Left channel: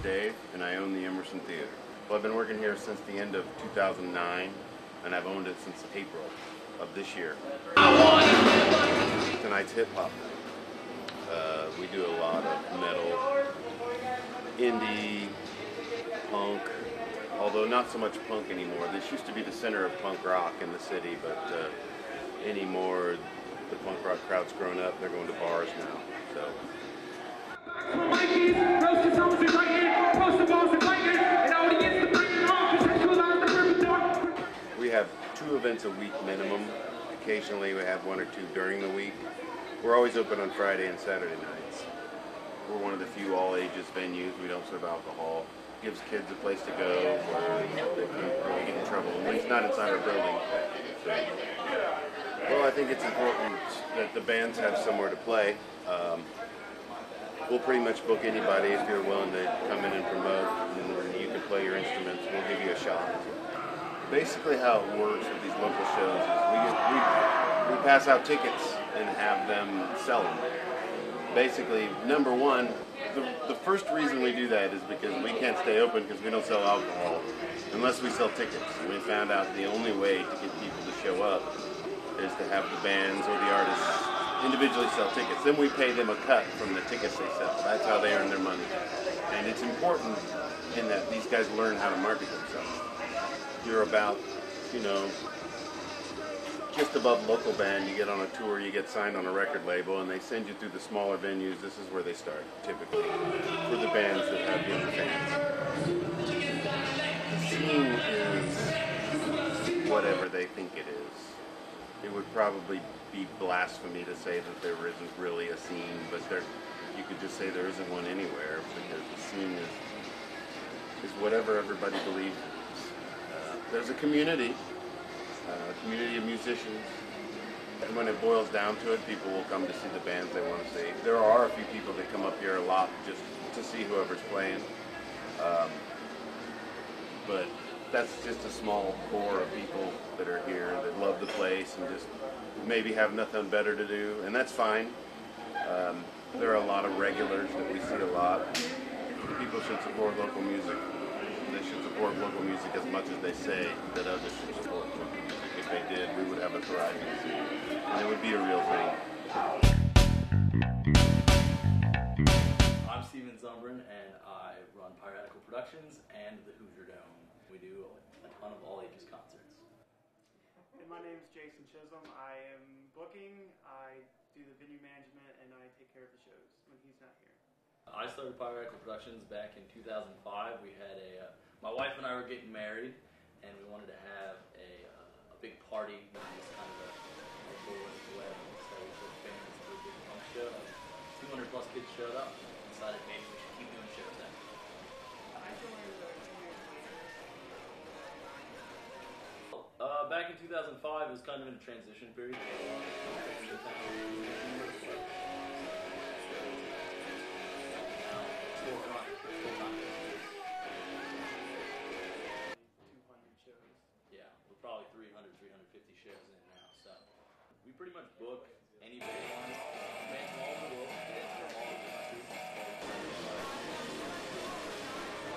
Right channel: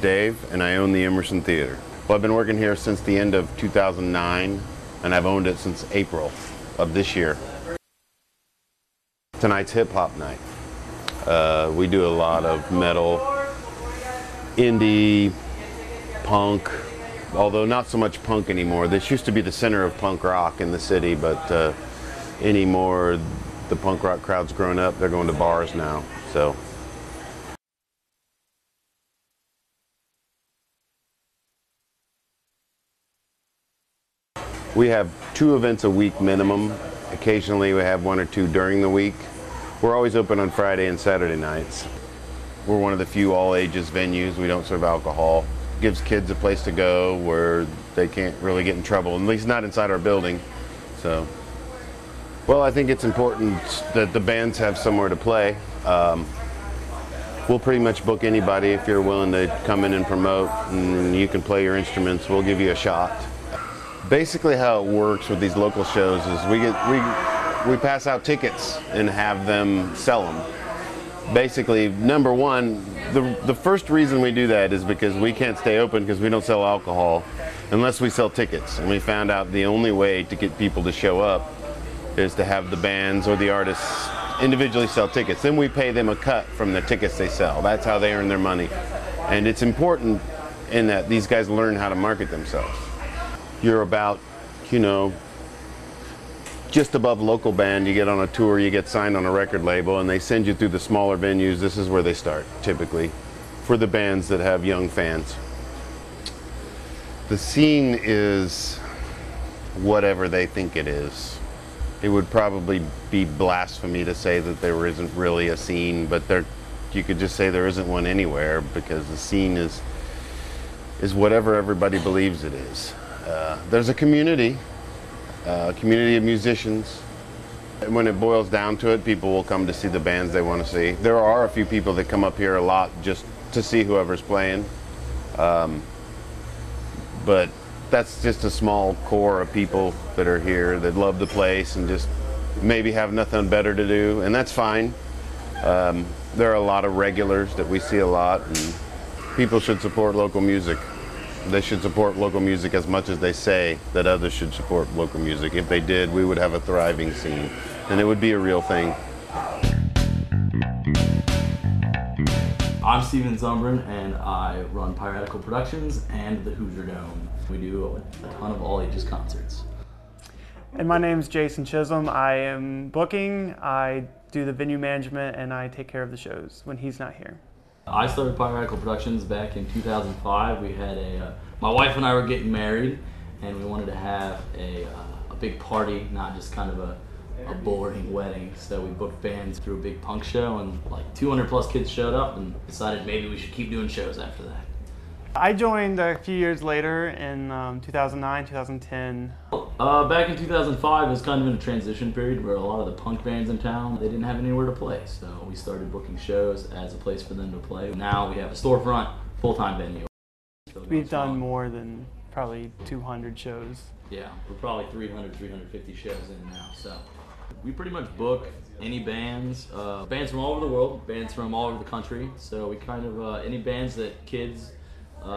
Dave, and I own the Emerson Theater. Well, I've been working here since the end of 2009, and I've owned it since April of this year. Tonight's hip-hop night. We do a lot of metal, indie, punk, although not so much punk anymore. This used to be the center of punk rock in the city, but anymore, the punk rock crowd's grown up. They're going to bars now, so. We have 2 events a week minimum. Occasionally we have 1 or 2 during the week. We're always open on Friday and Saturday nights. We're one of the few all-ages venues. We don't serve alcohol. Gives kids a place to go where they can't really get in trouble, at least not inside our building. So, well, I think it's important that the bands have somewhere to play. We'll pretty much book anybody if you're willing to come in and promote, and you can play your instruments. We'll give you a shot. Basically how it works with these local shows is we pass out tickets and have them sell them. Basically, number one, the first reason we do that is because we can't stay open because we don't sell alcohol unless we sell tickets. And we found out the only way to get people to show up is to have the bands or the artists individually sell tickets. Then we pay them a cut from the tickets they sell. That's how they earn their money. And it's important in that these guys learn how to market themselves. You're about, you know, just above local band. You get on a tour, you get signed on a record label, and they send you through the smaller venues. This is where they start, typically, for the bands that have young fans. The scene is whatever they think it is. It would probably be blasphemy to say that there isn't really a scene, but you could just say there isn't one anywhere, because the scene is whatever everybody believes it is. There's a community of musicians. And when it boils down to it, people will come to see the bands they want to see. There are a few people that come up here a lot just to see whoever's playing. But that's just a small core of people that are here that love the place and just maybe have nothing better to do, and that's fine. There are a lot of regulars that we see a lot, and people should support local music. They should support local music as much as they say that others should support local music. If they did, we would have a thriving scene, and it would be a real thing. I'm Steven Zumbrin, and I run Piratical Productions and the Hoosier Dome. We do a ton of all-ages concerts. And my name's Jason Chisholm. I am booking, I do the venue management, and I take care of the shows when he's not here. I started Piratical Productions back in 2005. We had my wife and I were getting married, and we wanted to have a big party, not just kind of a boring wedding. So we booked bands through a big punk show, and like 200 plus kids showed up and decided maybe we should keep doing shows after that. I joined a few years later in 2009, 2010. Back in 2005, it was kind of in a transition period where a lot of the punk bands in town, they didn't have anywhere to play. So we started booking shows as a place for them to play. Now we have a storefront, full-time venue. We've done more than probably 200 shows. Yeah, we're probably 300, 350 shows in now. So we pretty much book any bands, bands from all over the world, bands from all over the country. So we kind of, any bands that kids,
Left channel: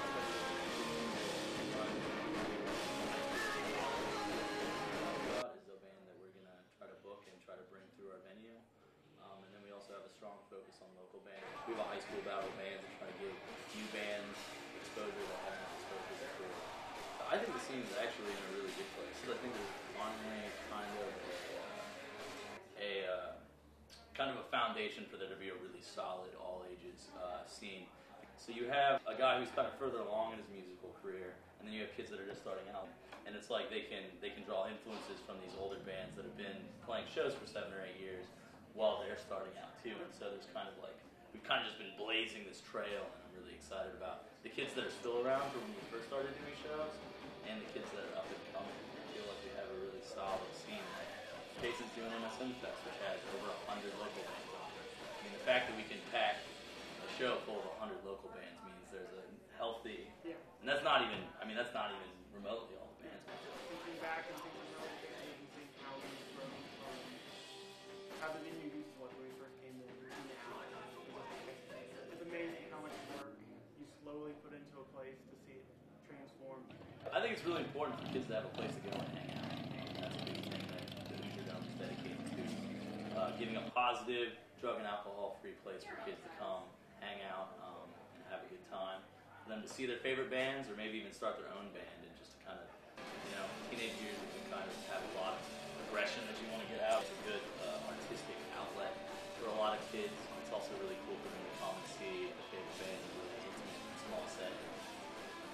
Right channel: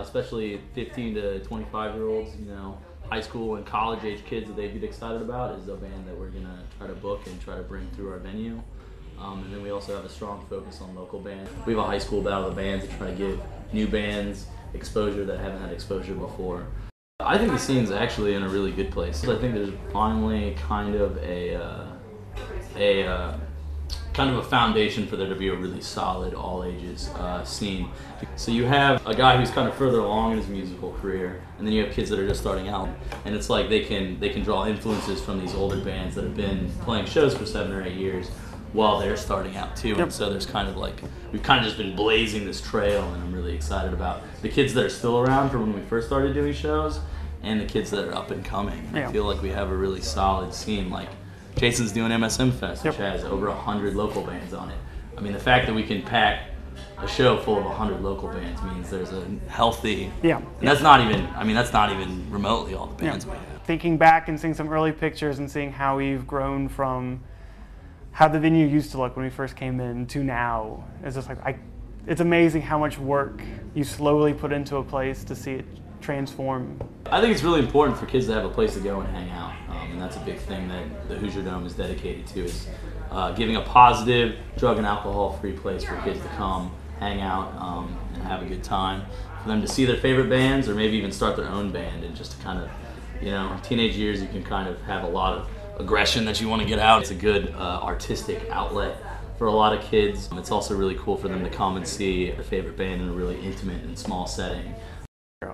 especially 15 to 25-year-olds, you know, high school and college age kids that they'd get excited about is a band that we're gonna try to book and try to bring through our venue. And then we also have a strong focus on local bands. We have a high school battle of bands to try to give new bands exposure that haven't had exposure before. I think the scene's actually in a really good place. I think there's finally kind of a foundation for there to be a really solid all-ages scene. So you have a guy who's kind of further along in his musical career, and then you have kids that are just starting out. And it's like they can draw influences from these older bands that have been playing shows for 7 or 8 years while they're starting out too. Yep. And so there's kind of like, we've kind of just been blazing this trail, and I'm really excited about the kids that are still around from when we first started doing shows and the kids that are up and coming. Yeah. I feel like we have a really solid scene. Like Jason's doing MSM Fest, which has over 100 local bands on it. I mean, the fact that we can pack a show full of 100 local bands means there's a healthy, and that's not even remotely all the bands we have. Thinking back and seeing some early pictures and seeing how we've grown from how the venue used to look when we first came in to now, it's just like, it's amazing how much work you slowly put into a place to see it transform. I think it's really important for kids to have a place to go and hang out, and that's a big thing that the Hoosier Dome is dedicated to, is giving a positive, drug and alcohol-free place for kids to come, hang out, and have a good time. For them to see their favorite bands, or maybe even start their own band, and just to kind of, you know, in teenage years you can kind of have a lot of aggression that you want to get out. It's a good artistic outlet for a lot of kids. It's also really cool for them to come and see their favorite band in a really intimate and small setting.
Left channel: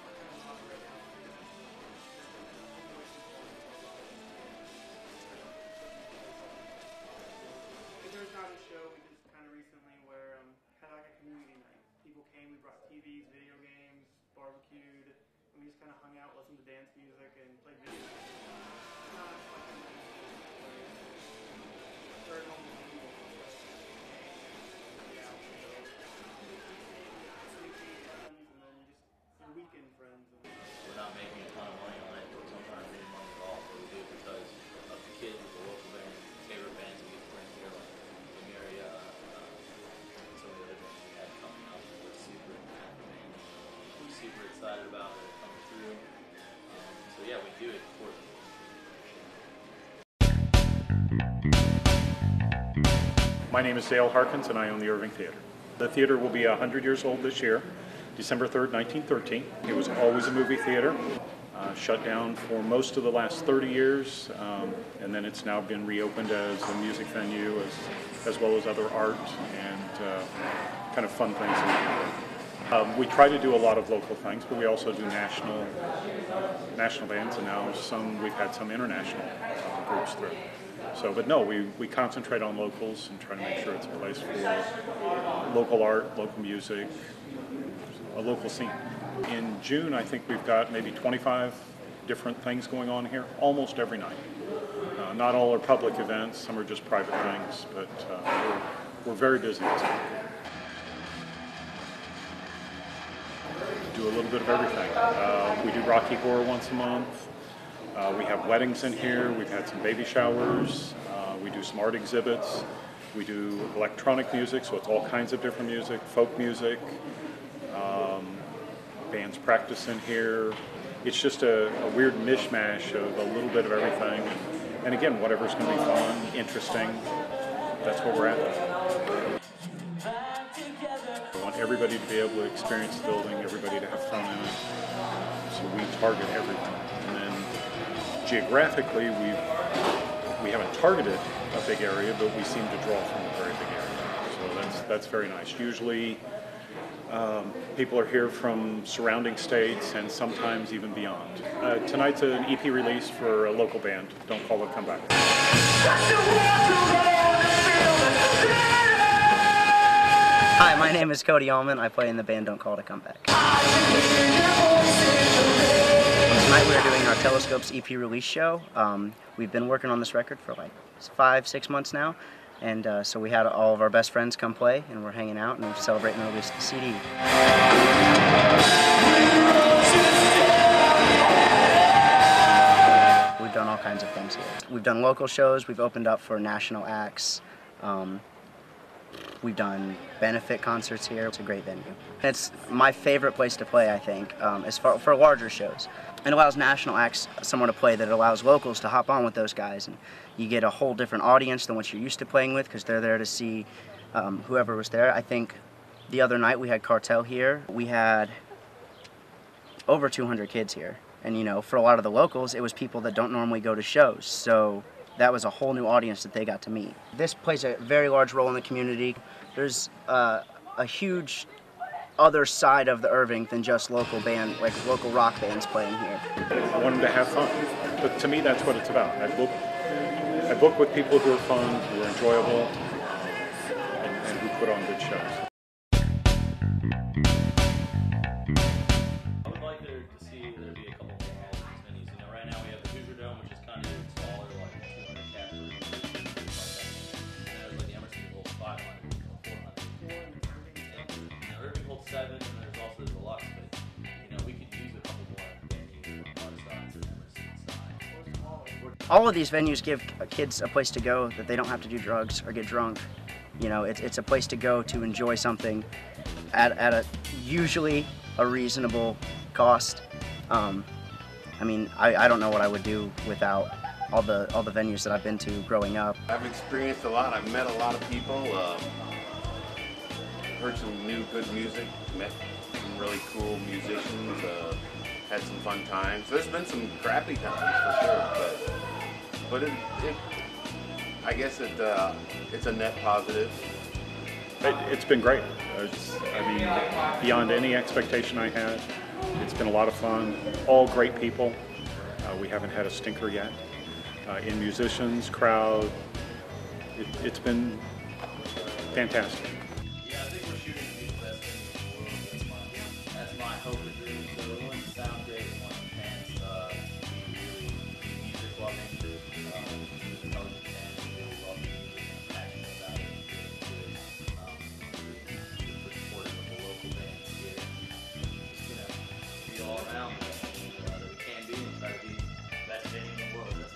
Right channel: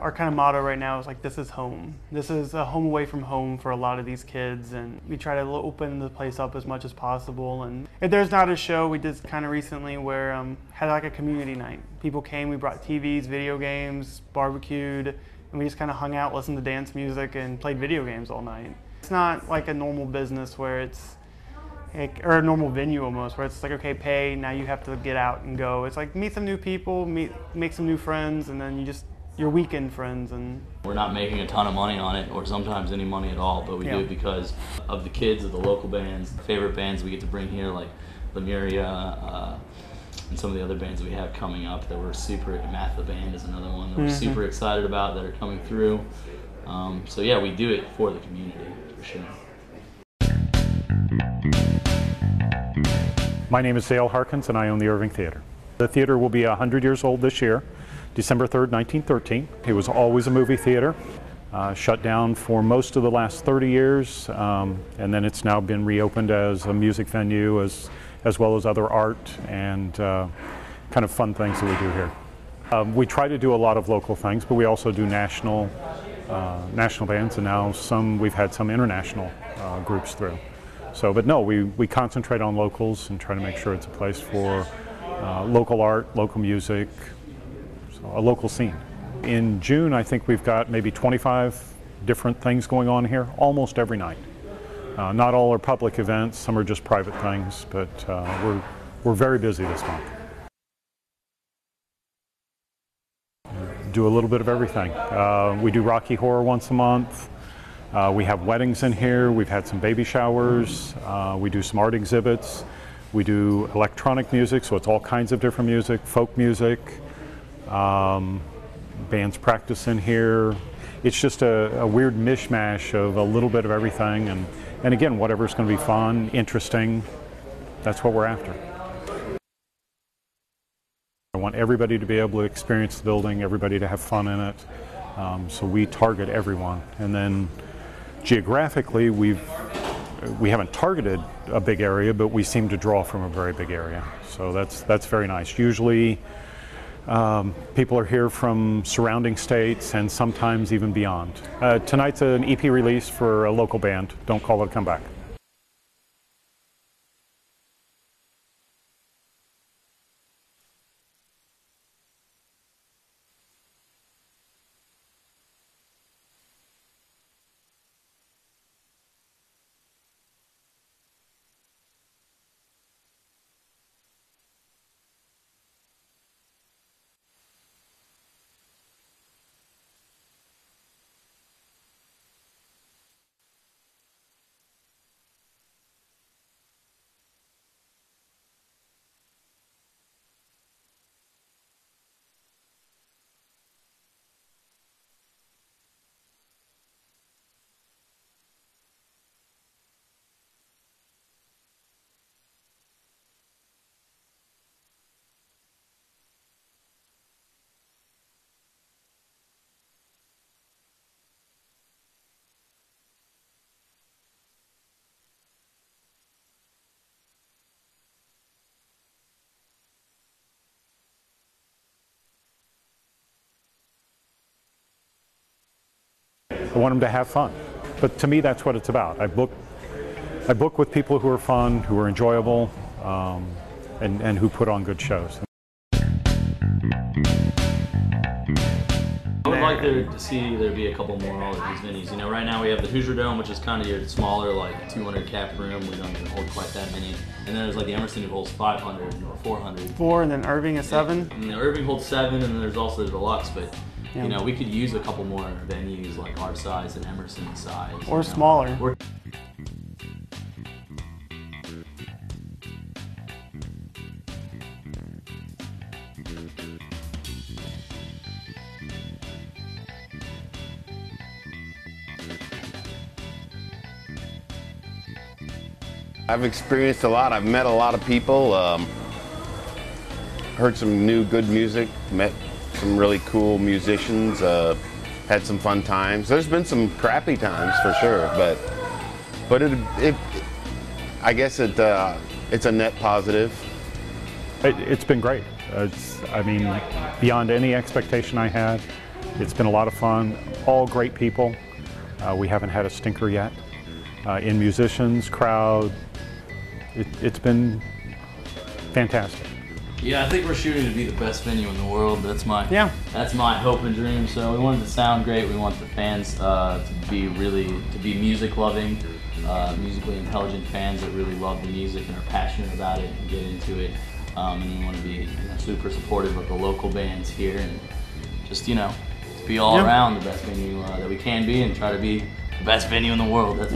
Our kind of motto right now is like, this is home. This is a home away from home for a lot of these kids, and we try to open the place up as much as possible. And if there's not a show, we did kind of recently where had like a community night. People came, we brought TVs, video games, barbecued, and we just kind of hung out, listened to dance music, and played video games all night. It's not like a normal business where it's or a normal venue almost, where it's like, okay, pay, now you have to get out and go. It's like, meet some new people, make some new friends, and then your weekend friends. And we're not making a ton of money on it, or sometimes any money at all, but we do it because of the kids, of the local bands, the favorite bands we get to bring here, like Lemuria, and some of the other bands we have coming up that we're super, Matt the Band is another one that we're super excited about that are coming through. So yeah, we do it for the community, for sure. My name is Dale Harkins, and I own the Irving Theater. The theater will be 100 years old this year, December 3rd, 1913. It was always a movie theater, shut down for most of the last 30 years, and then it's now been reopened as a music venue, as well as other art and kind of fun things that we do here. We try to do a lot of local things, but we also do national bands, and now we've had some international groups through. So, but no, we concentrate on locals and try to make sure it's a place for local art, local music, a local scene. In June, I think we've got maybe 25 different things going on here, almost every night. Not all are public events, some are just private things, but we're very busy this month. Do a little bit of everything. We do Rocky Horror once a month. We have weddings in here. We've had some baby showers. We do some art exhibits. We do electronic music, so it's all kinds of different music, folk music. Bands practice in here. It's just a weird mishmash of a little bit of everything. And again, whatever's going to be fun, interesting, that's what we're after. I want everybody to be able to experience the building, everybody to have fun in it. So we target everyone. And then geographically, we haven't targeted a big area, but we seem to draw from a very big area. So that's very nice. Usually people are here from surrounding states and sometimes even beyond. Tonight's an EP release for a local band. Don't call it a comeback. Hi, my name is Cody Allman. I play in the band Don't Call It a Comeback. Tonight we're doing our Telescopes EP release show. We've been working on this record for like 5-6 months now, and so we had all of our best friends come play, and we're hanging out and we're celebrating the release of the CD. We've done all kinds of things here. We've done local shows, we've opened up for national acts, we've done benefit concerts here. It's a great venue. It's my favorite place to play, I think, as far for larger shows. It allows national acts somewhere to play that allows locals to hop on with those guys, and you get a whole different audience than what you're used to playing with, because they're there to see whoever was there. I think the other night we had Cartel here. We had over 200 kids here, and you know, for a lot of the locals, it was people that don't normally go to shows, so that was a whole new audience that they got to meet. This plays a very large role in the community. There's a huge other side of the Irving than just local band, like local rock bands playing here. I want them to have fun, but to me that's what it's about. I book with people who are fun, who are enjoyable, and who put on good shows. I would like to see there be a couple more of these venues. You know, right now we have the Hoosier Dome, which is kind of your smaller, like 200 cap room. We don't even hold quite that many. And then there's like the Emerson who holds 500 or 400. 4, and then Irving is 7. And Irving holds 7, and then there's also the Deluxe. But you know, we could use a couple more venues like our size and Emerson's size. Or smaller. All of these venues give kids a place to go that they don't have to do drugs or get drunk. You know, it's a place to go to enjoy something at a usually a reasonable cost. I mean, I don't know what I would do without all the venues that I've been to growing up. I've experienced a lot. I've met a lot of people, heard some new good music, met some really cool musicians, had some fun times. There's been some crappy times for sure, but I guess it's a net positive. It's been great. I mean, beyond any expectation I had. It's been a lot of fun. All great people. We haven't had a stinker yet. In musicians, crowd, it's been fantastic. Yeah, I think we're shooting to be the best venue in the world. That's my hope and dream. So we want it to sound great. We want the fans to be music loving, musically intelligent fans that really love the music and are passionate about it and get into it. And we want to be super supportive of the local bands here and just be all around the best venue that we can be and try to be the best venue in the world. That's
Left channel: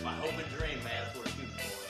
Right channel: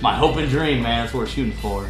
my hope and dream, man. That's what we're shooting for.